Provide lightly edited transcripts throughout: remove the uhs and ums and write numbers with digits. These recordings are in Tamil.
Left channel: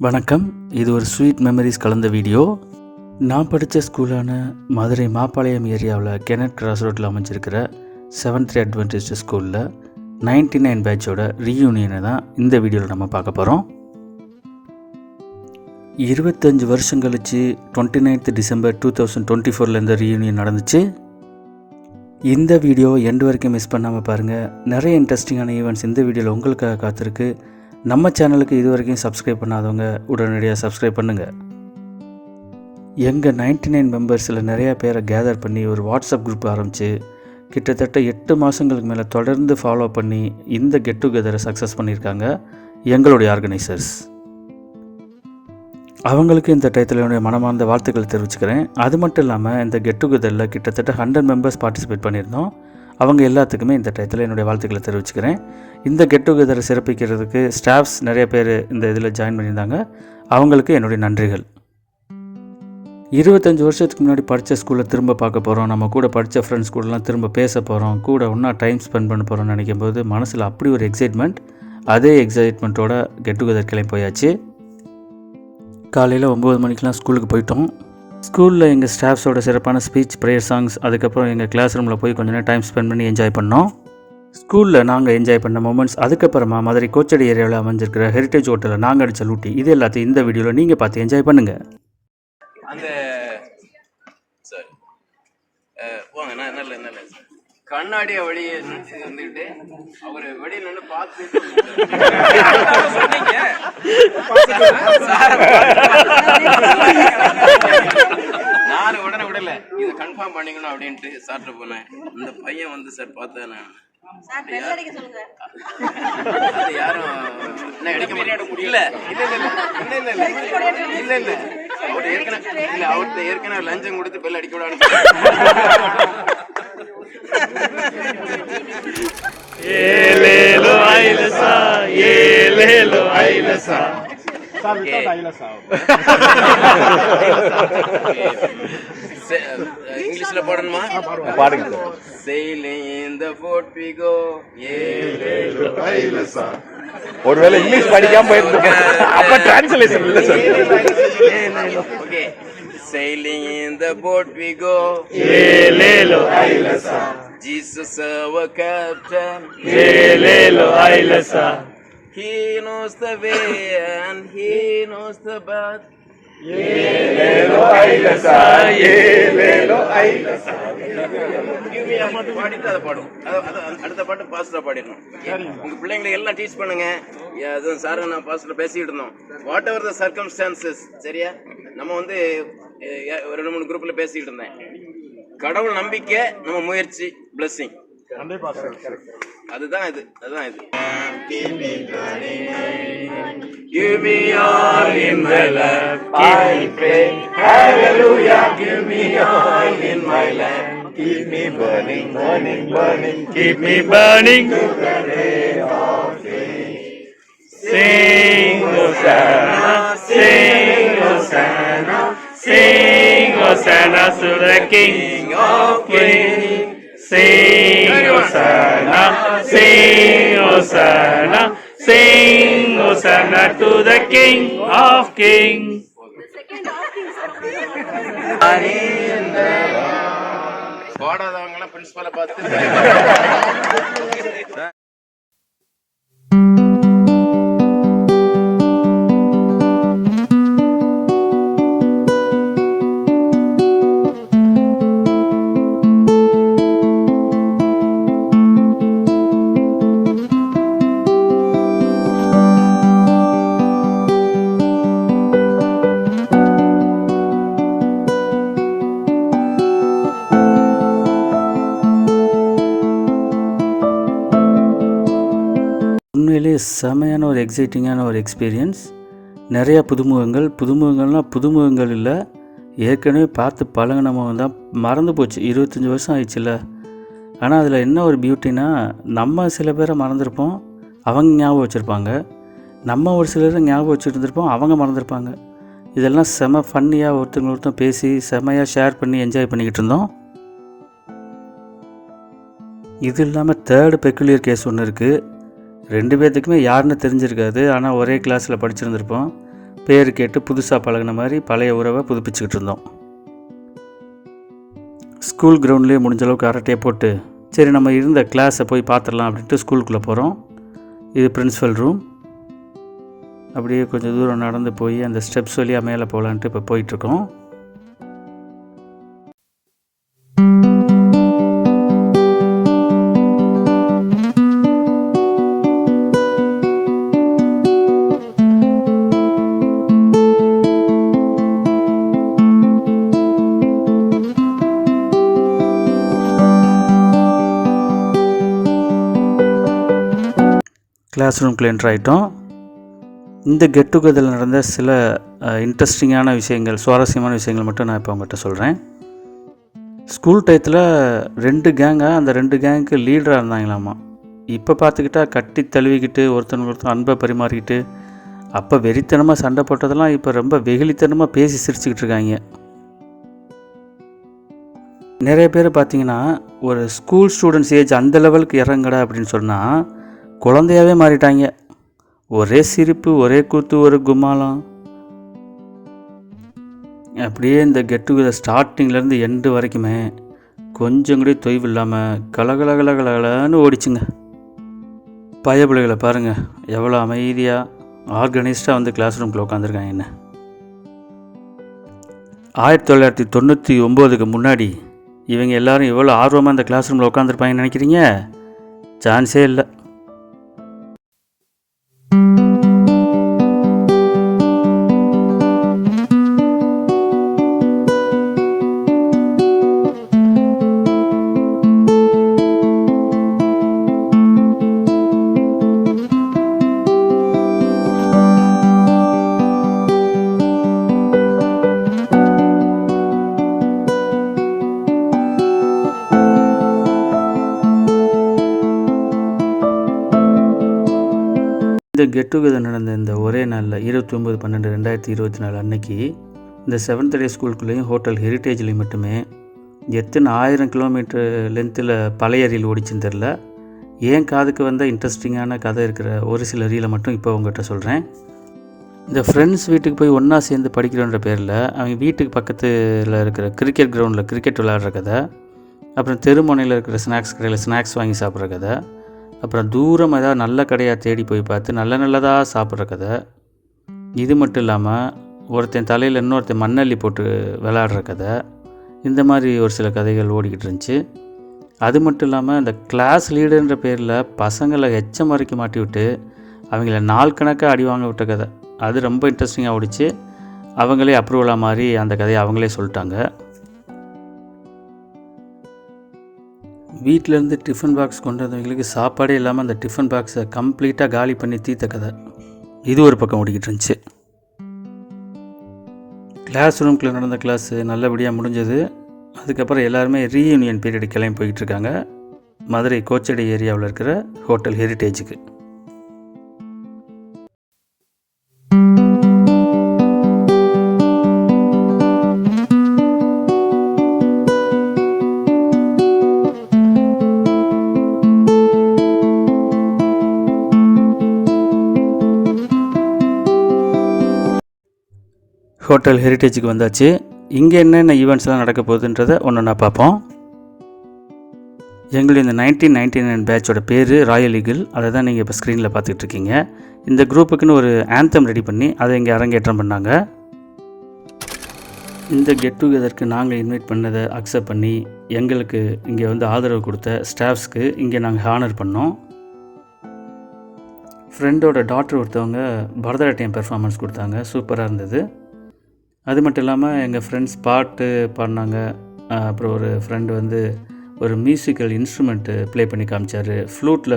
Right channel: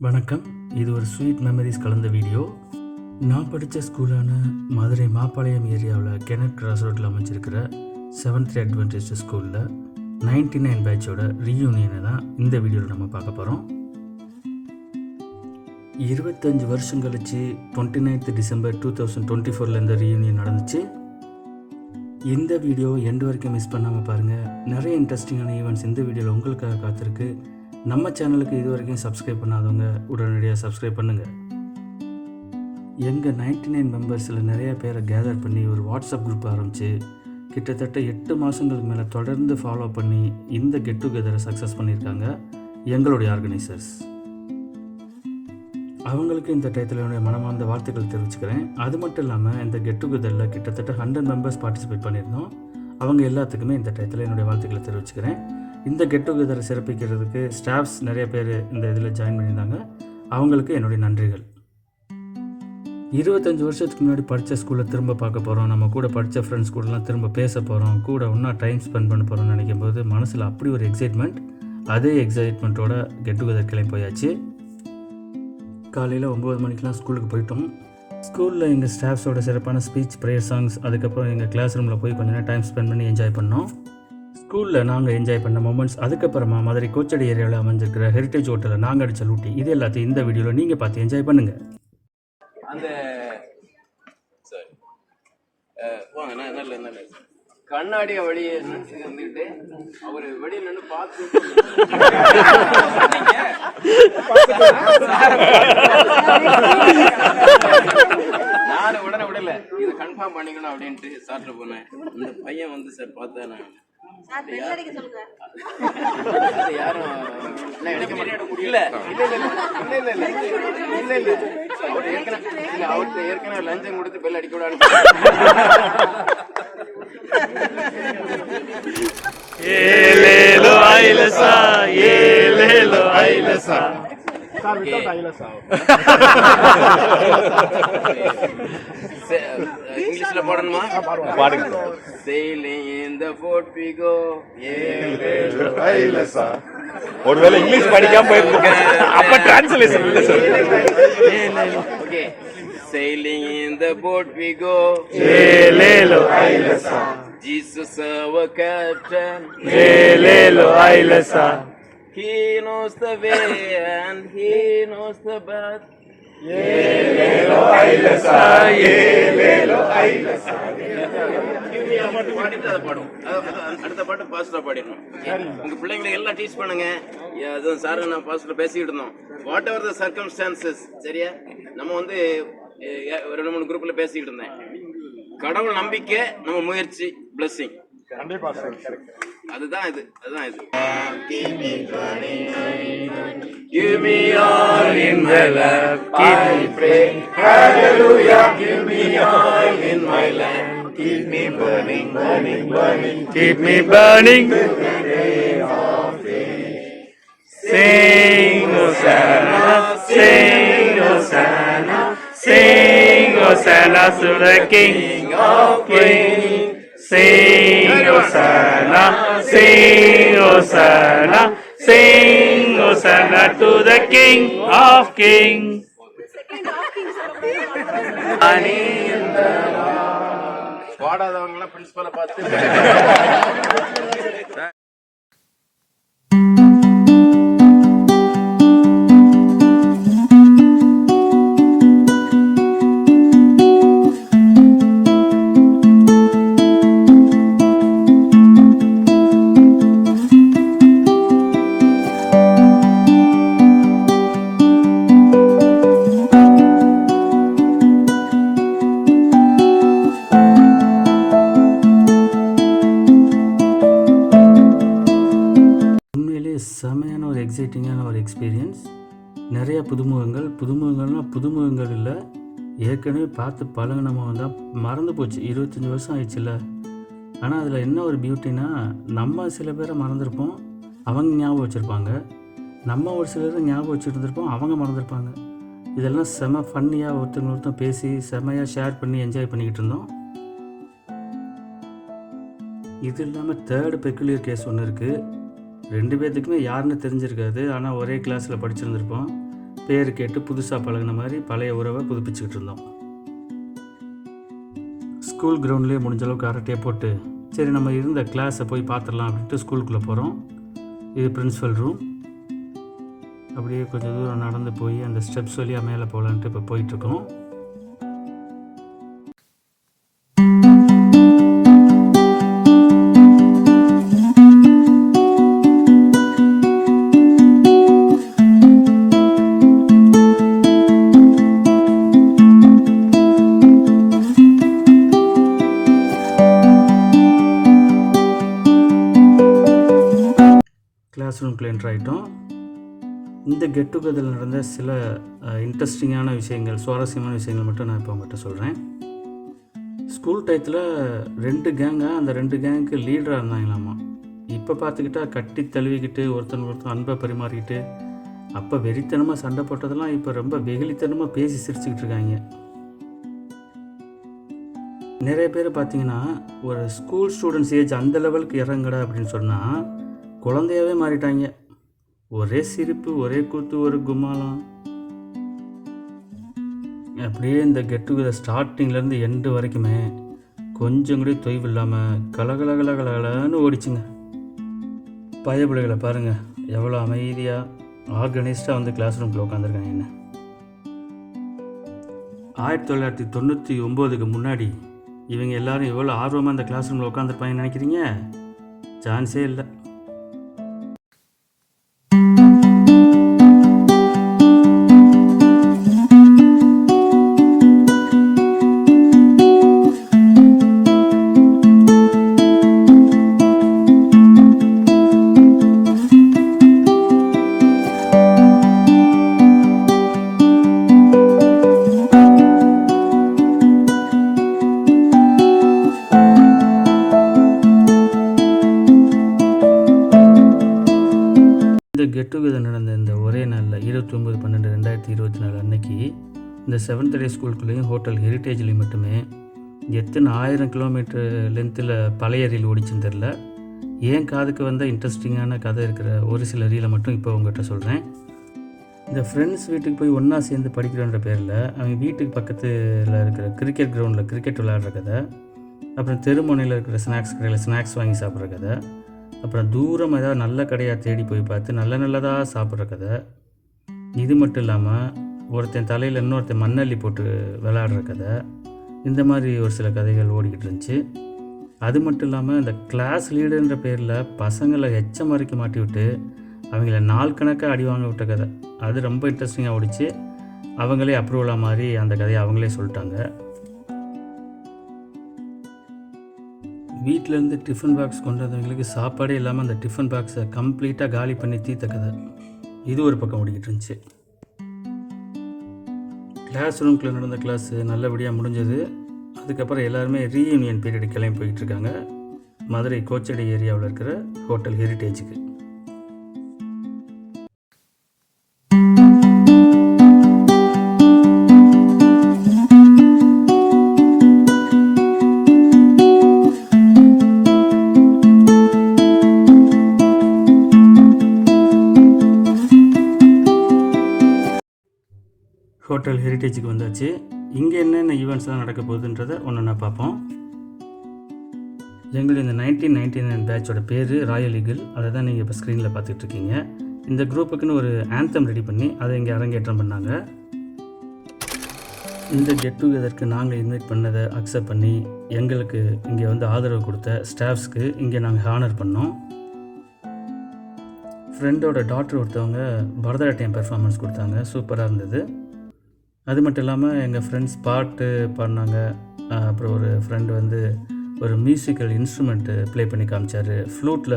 வணக்கம். இது ஒரு ஸ்வீட் மெமரிஸ் கலந்த வீடியோ. நான் படித்த ஸ்கூலான மதுரை மாப்பாளையம் ஏரியாவில் கெனட் கிராஸ் ரோட்டில் அமைஞ்சிருக்கிற 7th அட்வென்டிஸ்ட் ஸ்கூலில் 99 பேட்சோட ரீயூனியனை தான் இந்த வீடியோவில் நம்ம பார்க்க போகிறோம். 25 வருஷம் கழிச்சு 29th டிசம்பர் 2024 இந்த ரீயூனியன் நடந்துச்சு. இந்த வீடியோ எண்டு வரைக்கும் மிஸ் பண்ணாமல் பாருங்கள். நிறைய இன்ட்ரெஸ்டிங்கான ஈவெண்ட்ஸ் இந்த வீடியோவில் உங்களுக்காக காத்திருக்கு. நம்ம சேனலுக்கு இது வரைக்கும் சப்ஸ்கிரைப் பண்ணாதவங்க உடனடியாக சப்ஸ்கிரைப் பண்ணுங்கள். எங்கள் 99 மெம்பர்ஸில் நிறையா பேரை கேதர் பண்ணி ஒரு வாட்ஸ்அப் குரூப் ஆரம்பித்து கிட்டத்தட்ட 8 மாதங்களுக்கு மேலே தொடர்ந்து ஃபாலோ பண்ணி இந்த கெட் டுகெதரை சக்ஸஸ் பண்ணியிருக்காங்க எங்களுடைய ஆர்கனைசர்ஸ். அவங்களுக்கு இந்த டயத்தில் என்னுடைய மனமார்ந்த வாழ்த்துக்கள் தெரிவிச்சுக்கிறேன். அது மட்டும் இல்லாமல் இந்த கெட் டுகெதரில் கிட்டத்தட்ட 100 மெம்பர்ஸ் பார்ட்டிசிபேட் பண்ணியிருந்தோம். அவங்க எல்லாத்துக்குமே இந்த டயத்தில் என்னுடைய வாழ்த்துக்களை தெரிவிச்சுக்கிறேன். இந்த கெட் டுகெதரை சிறப்பிக்கிறதுக்கு ஸ்டாஃப்ஸ் நிறைய பேர் இந்த இதில் ஜாயின் பண்ணியிருந்தாங்க. அவங்களுக்கு என்னுடைய நன்றிகள். 25 வருஷத்துக்கு முன்னாடி படித்த ஸ்கூலில் திரும்ப பார்க்க போகிறோம். நம்ம கூட படித்த ஃப்ரெண்ட்ஸ் கூடலாம் திரும்ப பேச போகிறோம், கூட ஒன்றா டைம் ஸ்பெண்ட் பண்ண போகிறோம்னு நினைக்கும் போது மனசில் அப்படி ஒரு எக்ஸைட்மெண்ட். அதே எக்ஸைட்மெண்ட்டோட கெட் டுகெதர் கிளம்பி போயாச்சு. காலையில் 9 மணிக்கெலாம் ஸ்கூலுக்கு போயிட்டோம். ஸ்கூலில் எங்கள் ஸ்டாஃப்ஸோட சிறப்பான ஸ்பீச், ப்ரேயர் சாங்ஸ், அதுக்கப்புறம் எங்கள் கிளாஸ் ரூமில் போய் கொஞ்ச நேரம் டைம் ஸ்பெண்ட் பண்ணி என்ஜாய் பண்ணோம். ஸ்கூலில் நாங்கள் என்ஜாய் பண்ண மூமெண்ட்ஸ், அதுக்கப்புறமா மதுரை கோச்சடி ஏரியாவில் அமைஞ்சிருக்கிற ஹெரிட்டேஜ் ஹோட்டலில் நாங்கள் அடித்த லூட்டி, இது எல்லாத்தையும் இந்த வீடியோவில் நீங்கள் பார்த்து என்ஜாய் பண்ணுங்கள். அந்த சார் போங்க, நல்ல கண்ணாடியை வெளியே வந்துக்கிட்டு அவர் வெளியே நின்று பார்த்து சொன்னீங்க நான் உடனே விடல, இதை கன்ஃபார்ம் பண்ணிக்கணும் அப்படின்ட்டு சார்ட்ட போனேன். இந்த பையன் வந்து சார் பார்த்தேன் நான், அது யாரும் முடியல. இல்ல அவர்கிட்ட ஏற்கனவே லஞ்சம் கொடுத்து பெல் அடிக்க விடான்னு ஏலேலோ ஐலசா ஏலேலோ ஐலசா இங்கிலீஷ்ல போடணுமா? பாடுங்க. Sailing in the boat we go. ஒருவேளை இங்கிலீஷ் படிக்காம போயிட்டு அப்ப டிரான்ஸ்லேஷன் இல்ல sir. Okay. Sailing in the boat we go. ஏலேலோ ஐலசா Jesus our captain. ஏலேலோ ஐலசா He knows the way and he knows the path. ஏலேலோ ஐலசா ஏலேலோ ஐலசா. பாடிட்டு அதை பாடும். அடுத்த பாட்டு பாஸ்டா பாடிடணும். உங்க பிள்ளைங்களை எல்லாம் டீச் பண்ணுங்க. சார் நான் பாஸ்டர் பேசிக்கிட்டு இருந்தோம். வாட் எவர் த சர்க்கம்ஸ்டான்சஸ், சரியா? நம்ம வந்து 2-3 குரூப்ல பேசிக்கிட்டு இருந்தேன். கடவுள் நம்பிக்கை, நம்ம முயற்சி, பிளெஸிங். அதுதான் இது. Give me all in my life, I pray, hallelujah. Give me all in my life, keep me burning, burning, burning, keep me burning to the day of faith. Sing Hosanna, sing Hosanna, sing Hosanna to the King of Kings. Sing Hosanna, sing Hosanna, sing Hosanna to the King of Kings. பாடாதவங்க பிரின்சிபலை பார்த்து செமையான ஒரு எக்ஸைட்டிங்கான ஒரு எக்ஸ்பீரியன்ஸ். நிறையா புதுமுகங்கள்னால் புதுமுகங்கள் இல்லை, ஏற்கனவே பார்த்து பழகினவங்க தான் மறந்து போச்சு. 25 வருஷம் ஆயிடுச்சுல்ல. ஆனால் அதில் என்ன ஒரு பியூட்டினா, நம்ம சில பேரை மறந்துருப்போம், அவங்க ஞாபகம் வச்சுருப்பாங்க. நம்ம ஒரு சிலரை ஞாபகம் வச்சுருந்துருப்போம், அவங்க மறந்துருப்பாங்க. இதெல்லாம் செம ஃபன்னியாக ஒருத்தர் பேசி செமையாக ஷேர் பண்ணி என்ஜாய் பண்ணிக்கிட்டு இருந்தோம். இது இல்லாமல் தேர்டு பெக்குலியர் கேஸ் ஒன்று இருக்குது. 2 பேர்த்துக்குமே யாருன்னு தெரிஞ்சிருக்காது, ஆனால் ஒரே கிளாஸில் படிச்சிருந்துருப்போம். பேர் கேட்டு புதுசாக பழகின மாதிரி பழைய உறவை புதுப்பிச்சுக்கிட்டு இருந்தோம். ஸ்கூல் கிரவுண்ட்லேயே முடிஞ்ச அளவுக்கு அரட்டையை போட்டு சரி நம்ம இருந்த கிளாஸை போய் பார்த்துடலாம் அப்படின்ட்டு ஸ்கூலுக்குள்ளே போகிறோம். இது பிரின்ஸிபல் ரூம். அப்படியே கொஞ்சம் தூரம் நடந்து போய் அந்த ஸ்டெப்ஸ் வழியாக மேலே போகலான்ட்டு இப்போ போயிட்டுருக்கோம். கிளாஸ் ரூம்குள்ளே என்ட்ரு ஆகிட்டோம். இந்த கெட் டுகெதரில் நடந்த சில இன்ட்ரெஸ்டிங்கான விஷயங்கள், சுவாரஸ்யமான விஷயங்கள் மட்டும் நான் இப்போ உங்கள்கிட்ட சொல்கிறேன். ஸ்கூல் டயத்தில் 2 கேங்காக அந்த 2 கேங்குக்கு லீடராக இருந்தாங்களாமா. இப்போ பார்த்துக்கிட்டா கட்டி தழுவிக்கிட்டு ஒருத்தன் அன்பை பரிமாறிக்கிட்டு அப்போ வெறித்தனமாக சண்டை போட்டதெல்லாம் இப்போ ரொம்ப வெகுளித்தனமாக பேசி சிரிச்சுக்கிட்டு இருக்காங்க. நிறைய பேர் பார்த்திங்கன்னா ஒரு ஸ்கூல் ஸ்டூடெண்ட்ஸ் ஏஜ் அந்த லெவலுக்கு இறங்கடா அப்படின்னு சொன்னால் குழந்தையாகவே மாறிட்டாங்க. ஒரே சிரிப்பு, ஒரே கூத்து, ஒரு கும்மாளம். அப்படியே இந்த கெட் டுகெதர் ஸ்டார்டிங்லேருந்து எண்டு வரைக்குமே கொஞ்சம் கூட தொய்வு இல்லாமல் கலகலகலகலன்னு ஓடிச்சுங்க. பயப்பிள்ளைகளை பாருங்கள் எவ்வளோ அமைதியாக ஆர்கனைஸ்டாக வந்து கிளாஸ் ரூம்குள்ளே உட்காந்துருக்காங்க. என்ன 1999க்கு முன்னாடி இவங்க எல்லோரும் எவ்வளோ ஆர்வமாக இந்த கிளாஸ் ரூமில் உட்காந்துருப்பாங்கன்னு நினைக்கிறீங்க? சான்ஸே இல்லை. கெட் டுகெதர் நடந்த இந்த ஒரே நாளில் 29/12/2024 அன்னைக்கு இந்த 7th டே ஸ்கூலுக்குள்ளேயும் ஹோட்டல் ஹெரிட்டேஜ்லேயும் மட்டுமே எத்தனை 1000 கிலோமீட்டர் லென்த்தில் பழைய ரீல் ஓடிச்சுன்னு தெரில. ஏன் காதுக்கு வந்த இன்ட்ரெஸ்டிங்கான கதை இருக்கிற ஒரு சில ரீலை மட்டும் இப்போ உங்கள்கிட்ட சொல்கிறேன். இந்த ஃப்ரெண்ட்ஸ் வீட்டுக்கு போய் ஒன்றா சேர்ந்து படிக்கிறோன்ற பேரில் அவங்க வீட்டுக்கு பக்கத்தில் இருக்கிற கிரிக்கெட் கிரவுண்டில் கிரிக்கெட் விளையாடுற கதை, அப்புறம் தெருமுனையில் இருக்கிற ஸ்நாக்ஸ் கடையில் ஸ்நாக்ஸ் வாங்கி சாப்பிட்ற கதை, அப்புறம் தூரம் ஏதாவது நல்ல கடையாக தேடி போய் பார்த்து நல்லதாக சாப்பிட்ற கதை. இது மட்டும் இல்லாமல் ஒருத்தன் தலையில் இன்னொருத்தன் மண்ணள்ளி போட்டு விளையாடுற கதை. இந்த மாதிரி ஒரு சில கதைகள் ஓடிக்கிட்டு இருந்துச்சு. அது மட்டும் இல்லாமல் இந்த கிளாஸ் லீடர்ன்ற பேரில் பசங்களை எச்சம் வரைக்கும் மாட்டி விட்டு அவங்கள நாள் கணக்காக அடி வாங்க விட்ட கதை. அது ரொம்ப இன்ட்ரெஸ்டிங்காக ஓடிச்சு. அவங்களே அப்ரூவலாக மாதிரி அந்த கதையை அவங்களே சொல்லிட்டாங்க. வீட்டிலேருந்து டிஃபன் பாக்ஸ் கொண்டு வந்தவங்களுக்கு சாப்பாடே இல்லாமல் அந்த டிஃபன் பாக்ஸை கம்ப்ளீட்டாக காலி பண்ணி தீர்த்த கதை. இது ஒரு பக்கம் ஓடிக்கிட்டு இருந்துச்சு. கிளாஸ் ரூம்குள்ளே நடந்த கிளாஸு நல்லபடியாக முடிஞ்சது. அதுக்கப்புறம் எல்லாருமே ரீயூனியன் பீரியடு கிளம்பி போய்கிட்டு இருக்காங்க மதுரை கோச்சடி ஏரியாவில் இருக்கிற ஹோட்டல் ஹெரிட்டேஜுக்கு. ஹோட்டல் ஹெரிட்டேஜுக்கு வந்தாச்சு. இங்கே என்னென்ன ஈவெண்ட்ஸ்லாம் நடக்க போகுதுன்றதை ஒன்று பார்ப்போம். எங்களுடைய இந்த 1999 பேட்சோட பேர் ராயல் ஈகிள். அதை தான் நீங்கள் இப்போ ஸ்க்ரீனில் பார்த்துக்கிட்டு இருக்கீங்க. இந்த குரூப்புக்குன்னு ஒரு ஆந்தம் ரெடி பண்ணி அதை இங்கே அரங்கேற்றம் பண்ணாங்க. இந்த கெட் டுகெதருக்கு நாங்கள் இன்வைட் பண்ணதை அக்செப்ட் பண்ணி எங்களுக்கு இங்கே வந்து ஆதரவு கொடுத்த ஸ்டாஃப்ஸ்க்கு இங்கே நாங்கள் ஹானர் பண்ணோம். ஃப்ரெண்டோட டாக்டர் ஒருத்தவங்க பரதநாட்டியம் பெர்ஃபார்மன்ஸ் கொடுத்தாங்க. சூப்பராக இருந்தது. அது மட்டும் இல்லாமல் எங்கள் ஃப்ரெண்ட்ஸ் பாட்டு பாடினாங்க. அப்புறம் ஒரு ஃப்ரெண்டு வந்து ஒரு மியூசிக்கல் இன்ஸ்ட்ருமெண்ட்டு ப்ளே பண்ணி காமிச்சார். ஃப்ளூட்டில்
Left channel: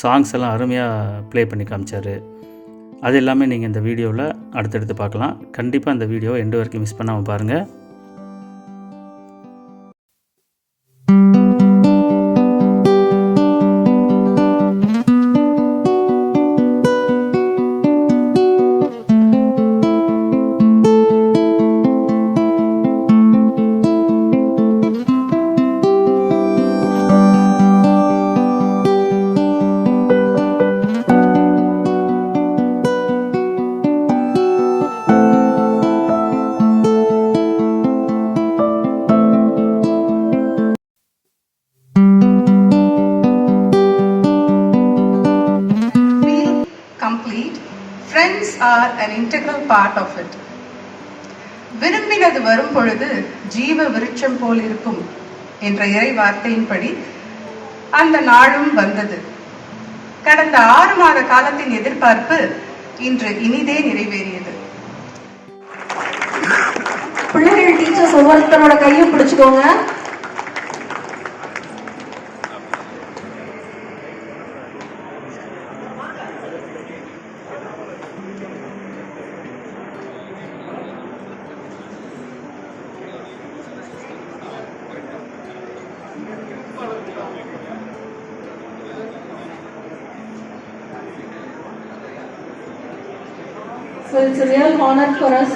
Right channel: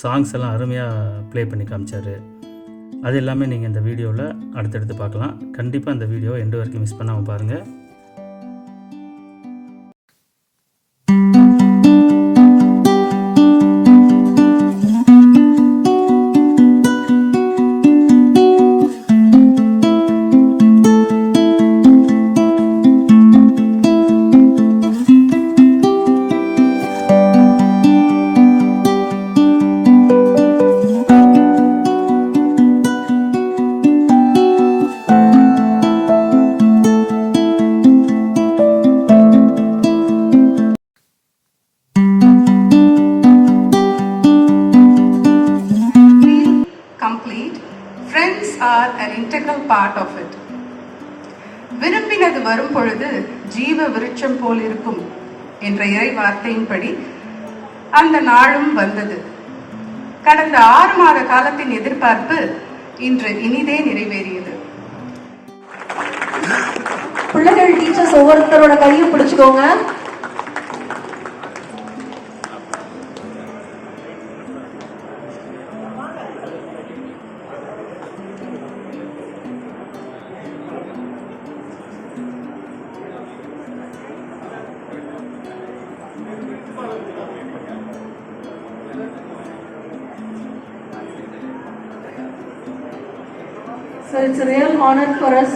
சாங்ஸ் எல்லாம் அருமையாக ப்ளே பண்ணி காமிச்சார். அது எல்லாமே நீங்கள் இந்த வீடியோவில் அடுத்தடுத்து பார்க்கலாம். கண்டிப்பாக இந்த வீடியோ எண்டு வரைக்கும் மிஸ் பண்ணாமல் பாருங்கள். are an integral part of it. விரும்பினது வரும் பொழுது ஜீவ விருட்சம் போல் இருக்கும் என்ற இறை வார்த்தையின்படி அந்த நாளும் வந்தது. கடந்த 6 மாத காலத்தின் எதிர்பார்ப்பு இன்று இனிதே நிறைவேறியது. பிள்ளைகள் டீச்சர்ஸ் ஒவ்வொருத்தரோட கையும் பிடிச்சுக்கோங்க. So it's a real honor for us.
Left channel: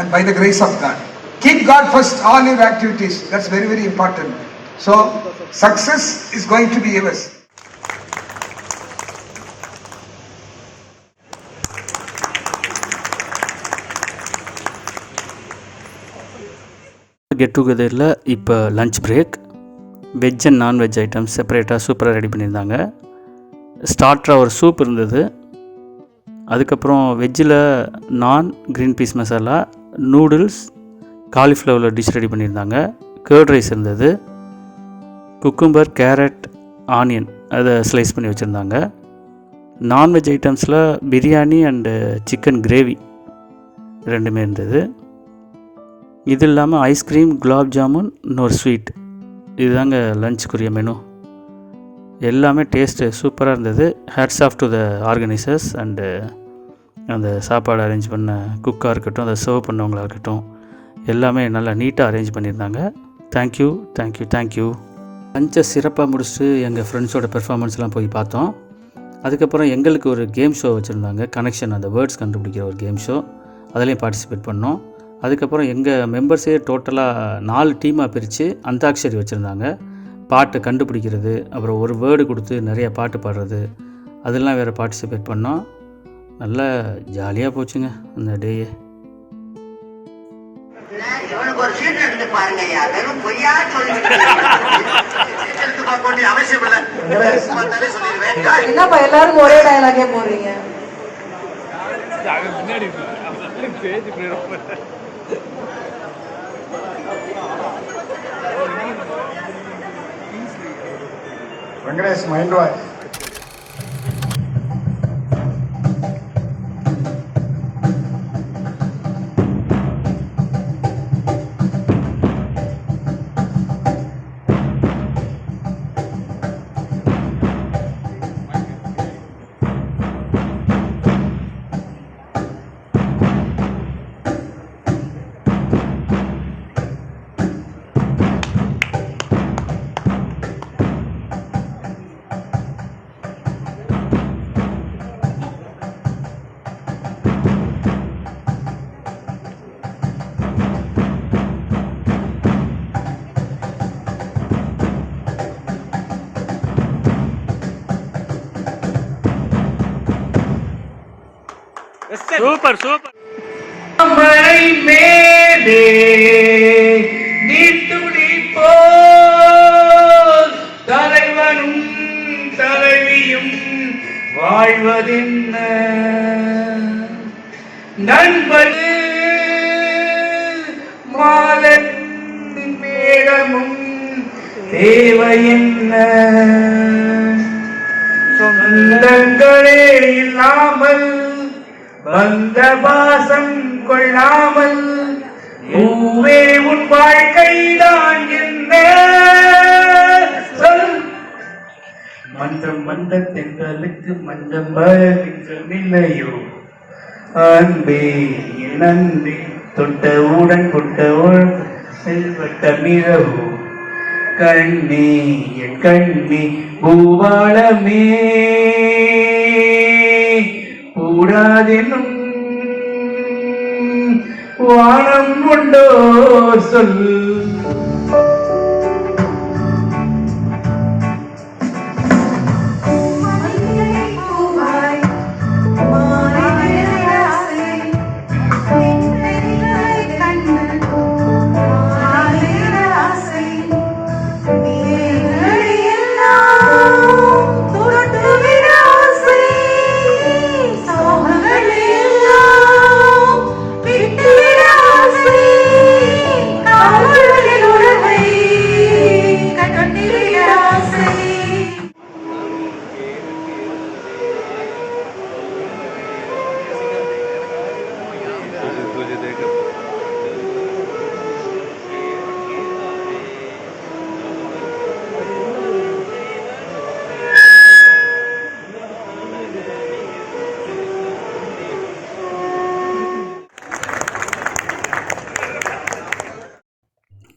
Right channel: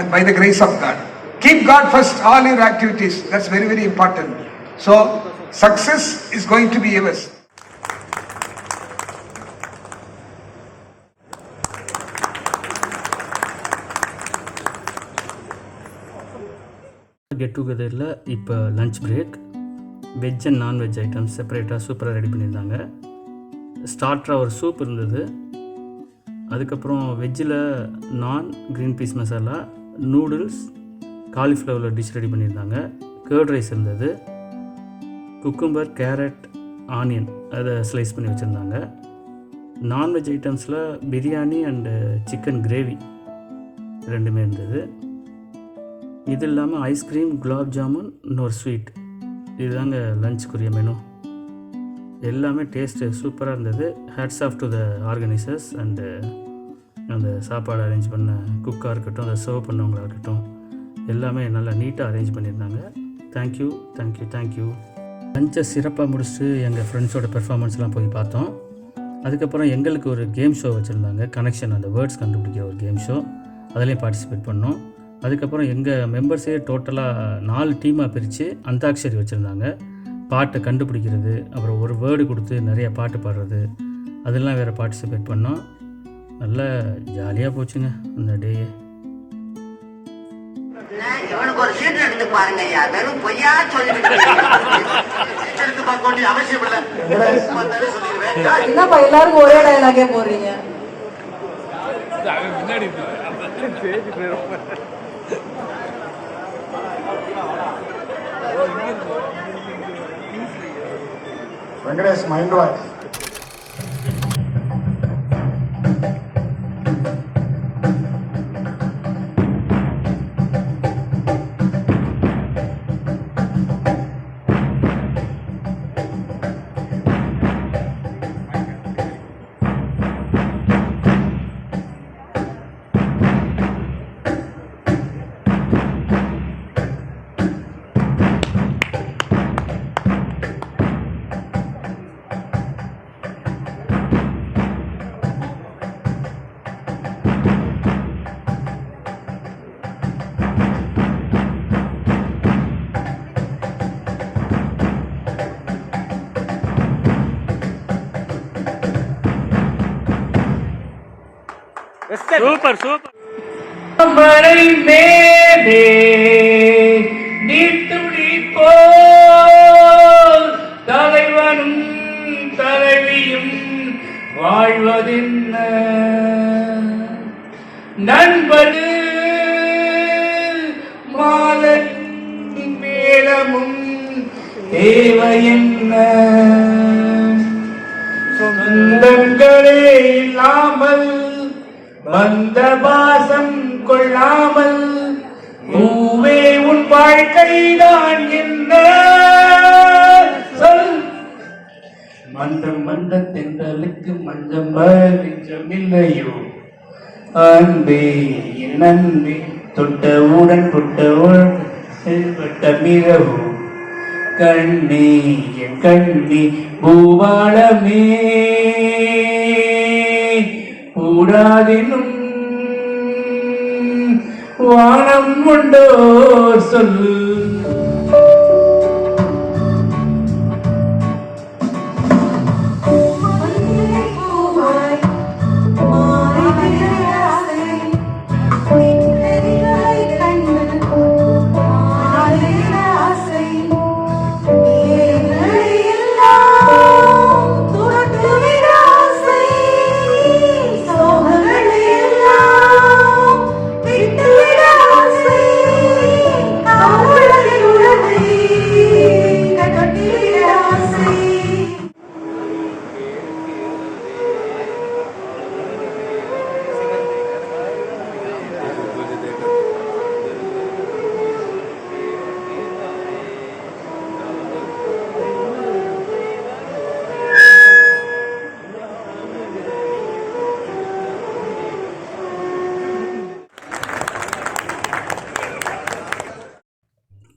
And by the grace of God, keep God first all your activities. That's very, very important. So success is going to be yours. Get டுகெதரில் இப்போ lunch break. Veg and nonveg items செப்பரேட்டாக சூப்பராக ரெடி பண்ணியிருந்தாங்க. ஸ்டார்டராக ஒரு சூப் இருந்தது. அதுக்கப்புறம் வெஜ்ஜில் naan, green peas masala, noodles, காலிஃப்ளவரில் டிஷ் ரெடி பண்ணியிருந்தாங்க. கர்ட் ரைஸ் இருந்தது. குக்கும்பர், கேரட், ஆனியன் அதை ஸ்லைஸ் பண்ணி வச்சுருந்தாங்க. நான்வெஜ் ஐட்டம்ஸில் பிரியாணி அண்டு சிக்கன் கிரேவி ரெண்டுமே இருந்தது. இது இல்லாமல் ஐஸ்கிரீம், குலாப் ஜாமுன், இன்னொரு ஸ்வீட். இதுதாங்க லஞ்சுக்குரிய மெனு. எல்லாமே டேஸ்ட்டு சூப்பராக இருந்தது. Hats off to the organisers and அந்த சாப்பாடு அரேஞ்ச் பண்ண குக்காக இருக்கட்டும், அதை சர்வ் பண்ணவங்களாக இருக்கட்டும், எல்லாமே நல்லா நீட்டாக அரேஞ்ச் பண்ணியிருந்தாங்க. Thank you thank you thank you. லஞ்சை சிறப்பாக முடிச்சுட்டு எங்கள் ஃப்ரெண்ட்ஸோட பெர்ஃபார்மன்ஸ்லாம் போய் பார்த்தோம். அதுக்கப்புறம் எங்களுக்கு ஒரு கேம் ஷோ வச்சுருந்தாங்க, கனெக்ஷன், அந்த வேர்ட்ஸ் கண்டுபிடிக்கிற ஒரு கேம் ஷோ. அதுலேயும் பார்ட்டிசிபேட் பண்ணோம். அதுக்கப்புறம் எங்கள் மெம்பர்ஸே டோட்டலாக 4 டீமாக பிரித்து அந்தாக்ஷரி வச்சுருந்தாங்க. பாட்டை கண்டுபிடிக்கிறது, அப்புறம் ஒரு வேர்டு கொடுத்து நிறைய பாட்டு பாடுறது, அதெல்லாம் வேறு பார்ட்டிசிபேட் பண்ணோம். நல்லா ஜாலியாக போச்சுங்க அந்த டேயே. என்னப்பா எல்லாரும் ஒரே டயலாகே போடுறீங்க? Venkatesh's mind was. Super super. மழை மேலே நீட்டுடி போல் தலைவனும் தலைவியும் வாழ்வதென்ன நண்பது மாலை மேகமும் தேவையென்ன சொந்தங்களே இல்லாமல் வந்த பாசம் கொள்ளாமல் பூவே உன் வாழ்க்கைதான் என்ன சொல். மன்றம் வந்த தென்றலுக்கு மஞ்சம் இல்லையோ அன்பே என் அன்பே தொட்டவுடன் புட்டவுடன் செல்வட்ட மிகவும் கண்ணே என் கண்ணே பூபாலமே கூடாதெனும் வானம் உண்டோ சொல்.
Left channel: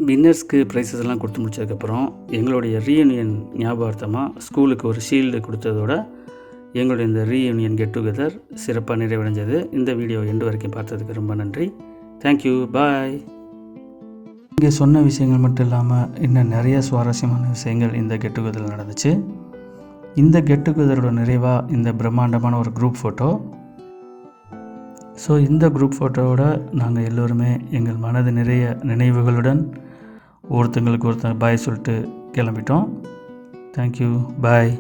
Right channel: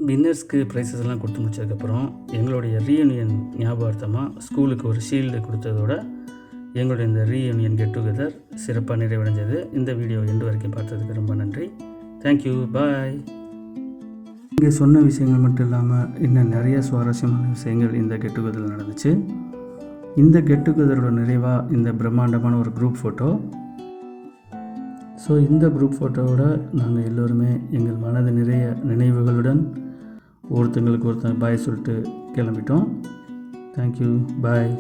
வின்னர்ஸ்க்கு ப்ரைஸஸ் எல்லாம் கொடுத்து முடிச்சதுக்கப்புறம் எங்களுடைய ரீயூனியன் ஞாபகார்த்தமாக ஸ்கூலுக்கு ஒரு ஷீல்டு கொடுத்ததோட எங்களுடைய இந்த ரீயூனியன் கெட் டுகெதர் சிறப்பாக நிறைவடைஞ்சது. இந்த வீடியோ எண்டு வரைக்கும் பார்த்ததுக்கு ரொம்ப நன்றி. தேங்க்யூ, பாய். இங்கே சொன்ன விஷயங்கள் மட்டும் இல்லாமல் இன்னும் நிறைய சுவாரஸ்யமான விஷயங்கள் இந்த கெட் டுகெதரில் நடந்துச்சு. இந்த கெட் டுகெதரோட நிறைவாக இந்த பிரம்மாண்டமான ஒரு குரூப் ஃபோட்டோ. ஸோ இந்த குரூப் ஃபோட்டோவோட நாங்கள் எல்லோருமே எங்கள் மனது நிறைய நினைவுகளுடன் ஒருத்தங்களுக்கு ஒருத்தர் பாய் சொல்லிட்டு கிளம்பிட்டோம். தேங்க்யூ, பாய்.